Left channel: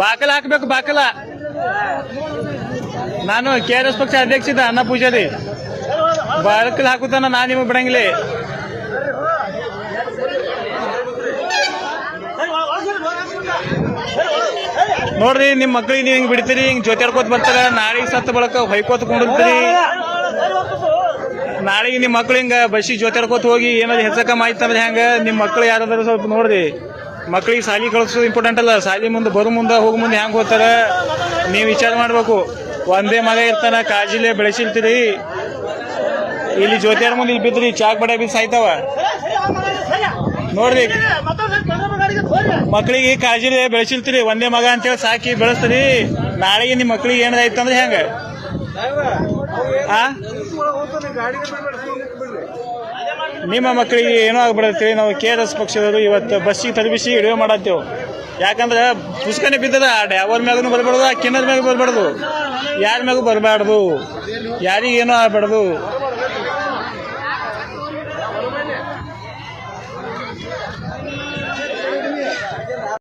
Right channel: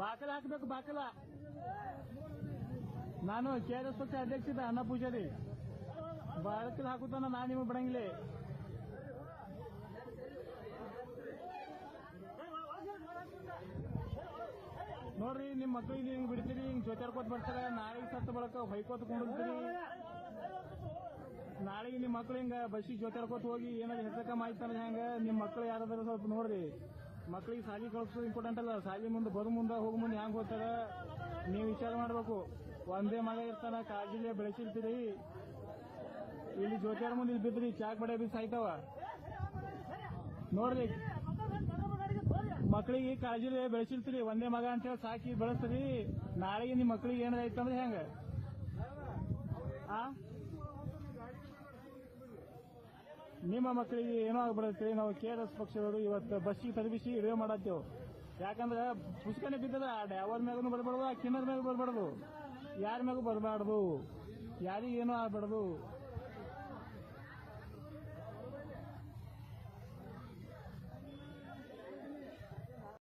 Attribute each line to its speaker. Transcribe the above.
Speaker 1: ಬಾಕಲ ಹಾಕ್ಬೇಕು, ಬಾಕಲ. ನಾನು K R S ಪಕ್ಷ ಅಧ್ಯಕ್ಷ ಅನ್ನ ಪೂಜಾರಿ. ಬಾಕಲ್ ಹಾಕುತ್ತಾನ ನಾ ನಿಮಗೆ ಬಿಡಂಗಿಲ್ಲ. ನೋಡ್ರಿ ನಿಮ್ಮ ಮಕ್ಳಿಗೆ ನೀವು ಹಿಂಗೆ ಬಿಡ್ತೀರಿ, ಹಿಂಗೆ ಜೊತೆ ಬರ್ತಾರೆ, ನಾಳೆಗೆ ಸತ್ತ ಬಳಕ ಹೊಯ್ಕೋತ ಕೊಂಡಿರ್ತೀರಿ ನಾಳೆಗೆ ನಿಮ್ಮ ಮಕ್ಳು ಹಿಂಗ ಬಸ್ಸಿಗೆ ಜೊತೆಡ್ಕೋತ ಹೋಗಿ ಏನಾದ್ರು ಮಾಹಿತಿ ಹೆಂಗ? ನಿಮ್ಮ ಮಕ್ಳು ಯಾರಾದ್ರೂ ಸ್ವಲ್ಪ ನೋಡ್ರಿ. ಮಕ್ಳಿಗೆ ಸಾಲಿ ಕಳಿಸೋದು ಇಂಪಾರ್ಟೆಂಟ್ ಅಲ್ಲ. ಸಾಲಿ ಮುಂದೆ ಬರೋ ಮುಂದೆ, ಹೋಗೋ ಮುಂದೆ ಹೆಂಗೆ ಹೋಗ್ತಾರ? ನೀವು ವಿಚಾರ ಮಾಡ್ಬೇಕು. ಒಂದೇ ಮಗ ಇರ್ತಾನ, ಕಾಜಿಲೆ ಬೆಳೆಸಿರ್ತೀರಿ ಇಲ್ಲಿ ಜ್ಯೋತಿಯಾರ ಮುಂದೆ ಇಲ್ಲಿ ಬಿದ್ರಿ, ಚಾಕ್ ಬಡ ಬಿ ಸಾಯ್ತಾವ. ನೋಡ್ರಿ. ಮಕ್ಳಿಗೆ ಕಾಜಿಲೆ ಬೆಳೆಸಿರ್ತೀರಿ ಒಂದೇ ಮಗ ಅಂತೇಳಿ ಸಾಕಿ ಬೆಳೆಸ್ತೀರಿ. ನಾಳೆಗೆ ನಿಮ್ಮ ಮಕ್ಳಿಗೆ ಏನಾರ ಆಯ್ತಂದ್ರೆ ಹೆಂಗ? ನಿಮ್ಮ ಮಕ್ಕಳಿಗೆ ಏನೋ ಆಗ್ಬಿಡತ್ತೀವಿ ನಾವು ಕೆ ಆರ್ ಎಸ್ ಪಕ್ಷದವರು ಇವತ್ತು ಬಸ್ಸಿಗೆ ತಲುಪಿಸಿ ಹಿಡಿಯೋ ಮಾಡತ್ತೇವೆ. ಯಾಕಂದ್ರೆ ಪುಸ್ತಕನೇ ಬಿದ್ದದ, ಆ ಡ್ಯಾವರ್ ಮ್ಯಾಗೂ ಬರಬಾರ್ದು, ಆ ಕಿನ್ನದ ಮ್ಯಾಗೂ ಬರಬಾರ್ದು. ಯಾರ ಮ್ಯಾಗೂ ಬರಬಾರ್ದು? ಯಾರಿಗೇನೋ ಆಗ್ಬಾರ್ದು?